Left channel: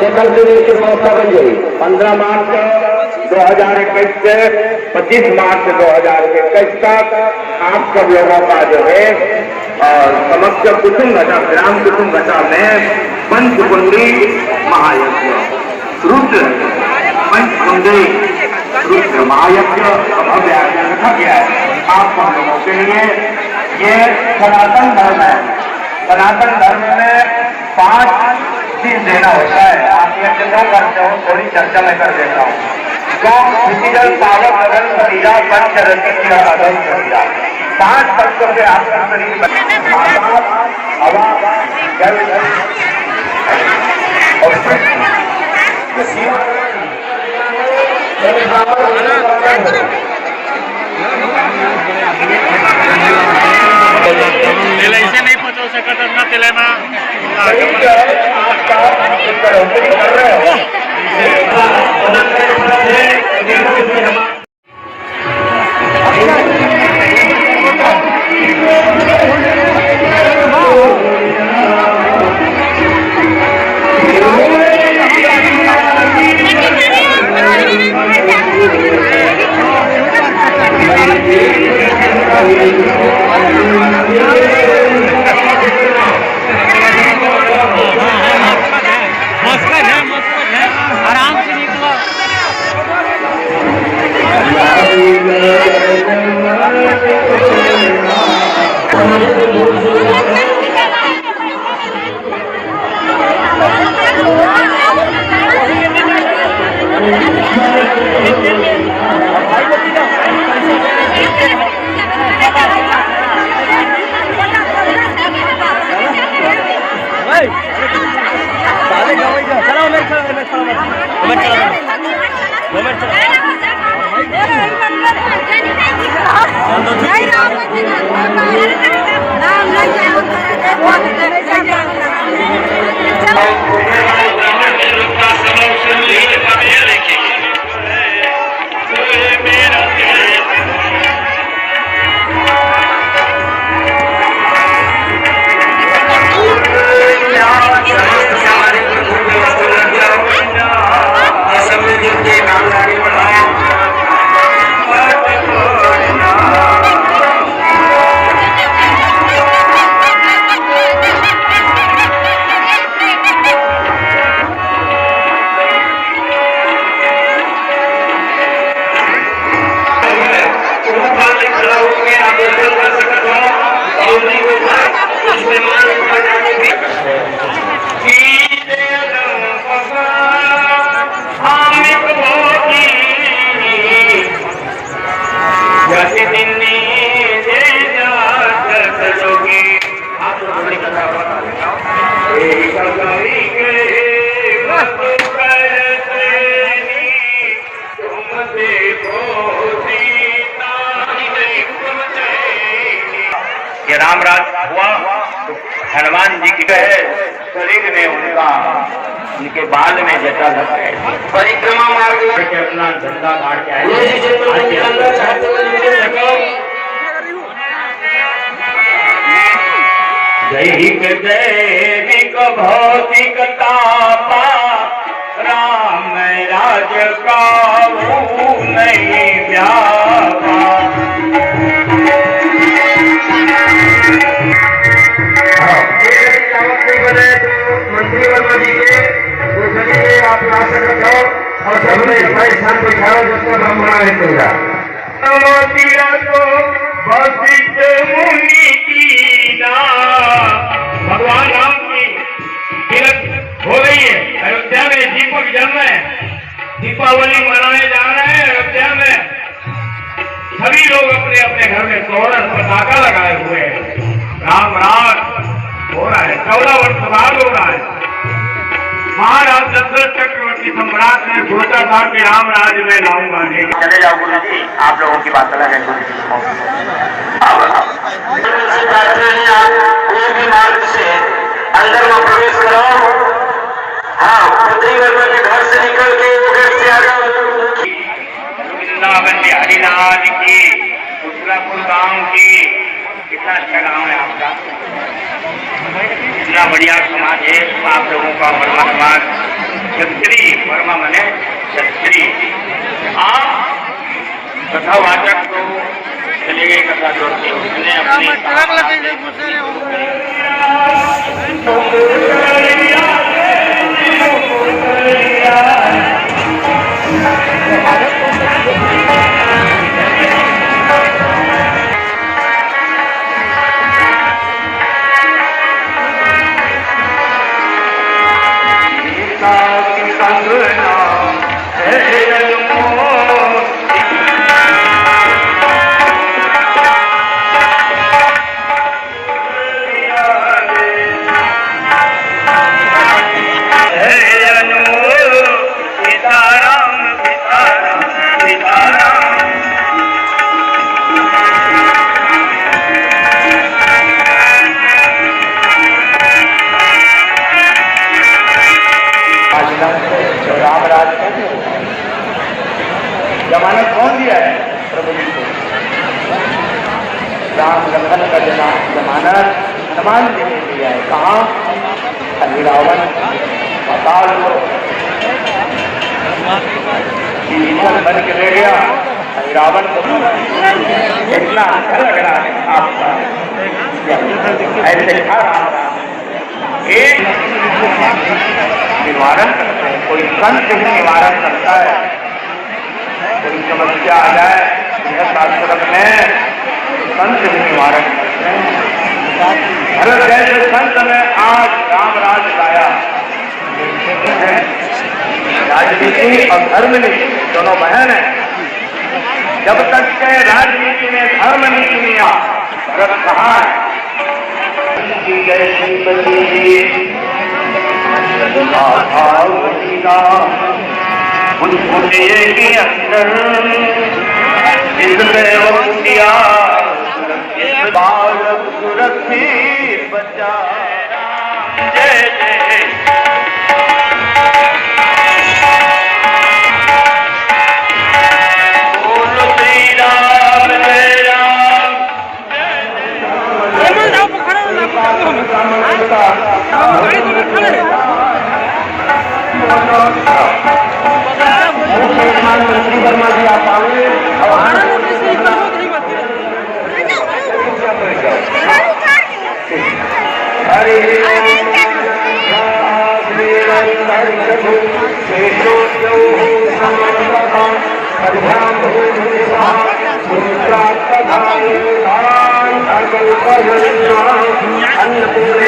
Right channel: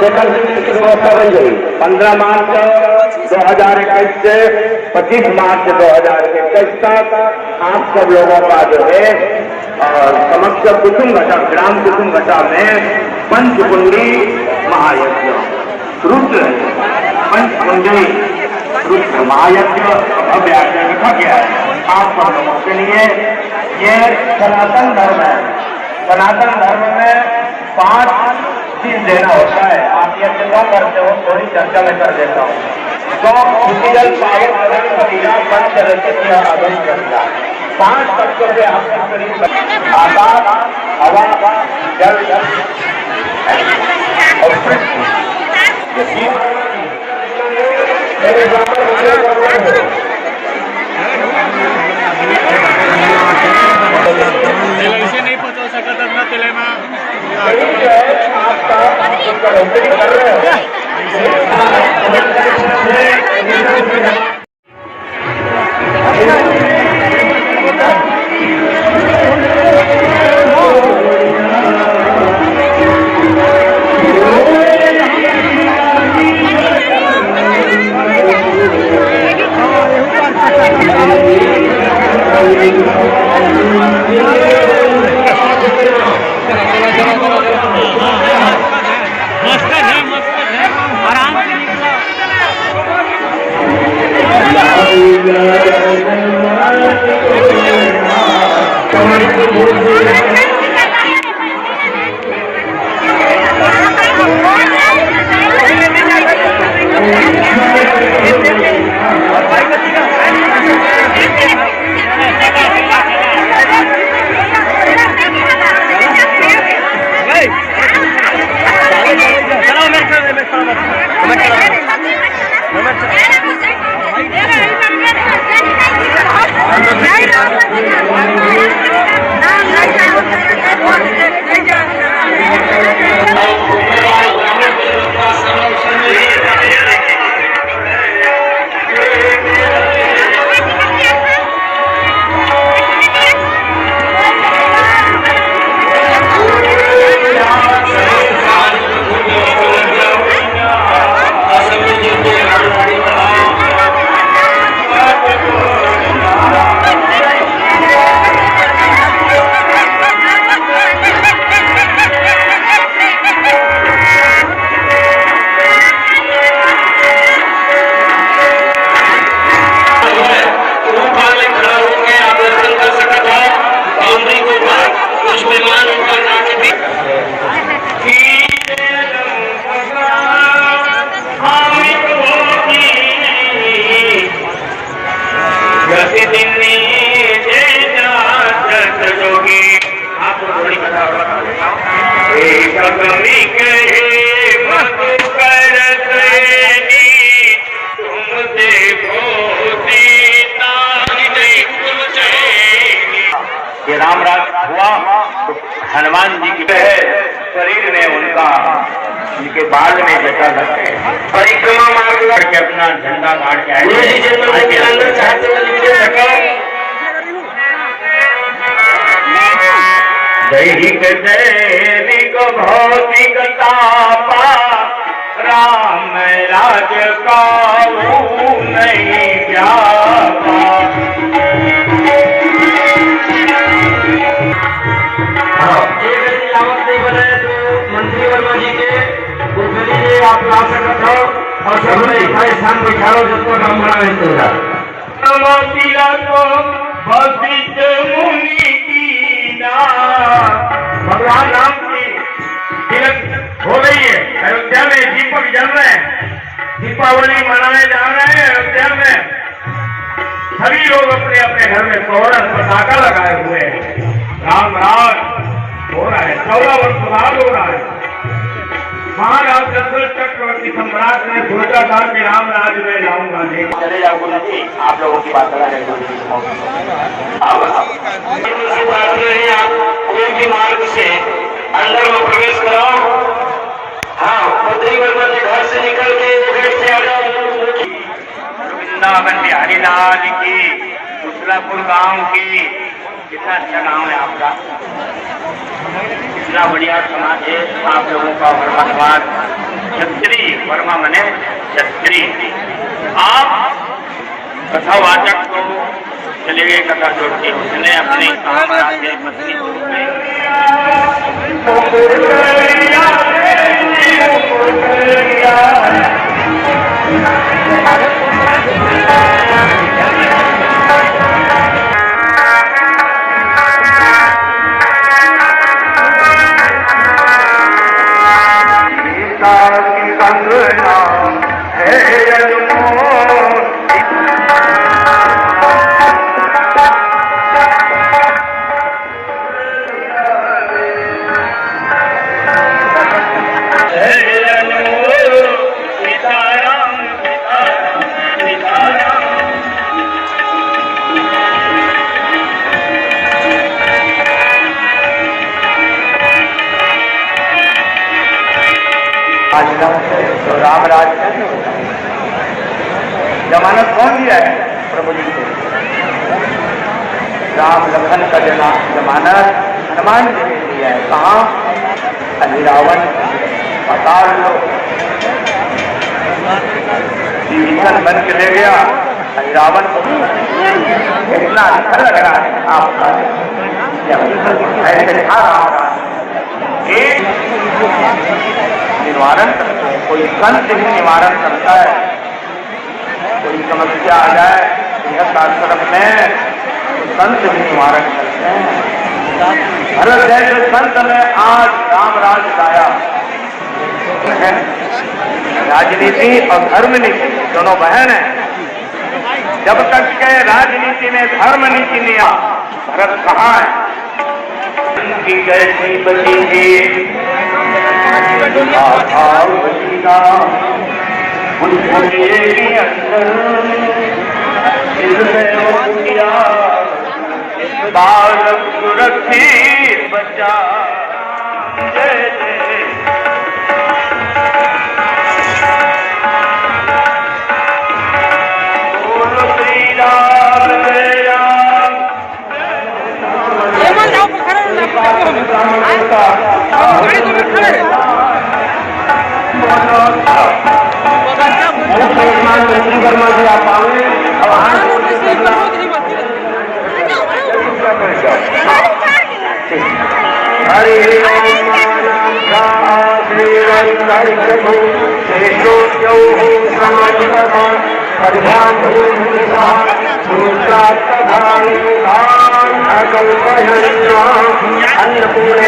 Second series की व्यवस्था बन गई 15 मार्च 2021 से 25 मार्च 2021 तक आप सब लोगों का जो है समक्ष कुसुम घटा ग्राम कुसुम घटा में पंचकुंडी महायज्ञ रुद्र पंचकुंडी रुद्र महायज्ञ भव्य आयोजन रखा गया है आप सब लोगों के लिए। ये सनातन धर्म है। सनातन धर्म में 5 चीज देना होता है। आप ये क्या करते हो थोड़ी चर्चा में कर देता हूँ। अदन 5 तत्वों से आपका शरीर आकाश हवा जल और पृथ्वी। ऐसे नहीं पहुंचा सकता अपना तिले में आपका कर रहे हैं। ये रामराज हुआ तो हनुमान जी के शरीर में उनके बाल में जटा रखे परिक्रमा मार्ग के अपना झंडा गाड़ के आए। दैहिक दैविक भौतिक तापा राम राज्य का नहीं व्यापा। आप आसन रखो और सबने स्थान दिखाओ जिसको ब्रह्मणा है पूरा को वशिष्ठ मुनि की ना भगवान राम की तीरथ हो रही है अयोध्या में। दीपक जल रहे हैं, दीपावली मनाने जा रहे हैं अयोध्या में। सभी लोग अपने अपने घर में तोरण पताका लगाए हुए हैं। राम राज हो रहा है, 14 वर्ष बाद हो रहा है। महाराज दशरथ चक्रवर्ती सम्राट ने सोचा था कि राम राज्य में लाऊंगा। चले जाओ गुरु जी, आप लोगों की बात अलग है गुरु जी। मार्ग से अंदर में प्रवेश करो। हाँ, के घर से निकल के घर से आ जाओ। वृंदावन बिहारी राज की, दूसरापुर गांव की, कितना अच्छा गाँव है आपका, इतना बढ़िया समाज है। आप लोगों का धन्यवाद। क्षत्रिय वर्मा मने क्षत्रिय। आप कथावाचक तो चले गए कथा छोड़ती उसने अपने राम राज जमानत कौन दिया है? प्रभु जी को। राम लखन का जमानत हनुमान जी ने दिया है। कहाँ? रावण पाताल को जीवन बन के ले गया। रावण को कितना अच्छा लग रहा है आपका ऐसे खा रहा एक निवारण कोई संत निवारण करता है। कोई समस्या आ जाए आश्रम में संत निवारण करते हैं। अलग अलग संत ने आज राम राज लाया। राजनीति और धर्म नीति दोनों बहन है। जब तक के राजनीति में धर्म नीति नहीं आ धर्म कहाँ है? जैसी बची के अंदर इसमें वो किया बालक सुरक्षित बचा। जय जय बोलो श्री राम जय राम। मंत्री वर्मा जी आप आए अन्नपूर्णे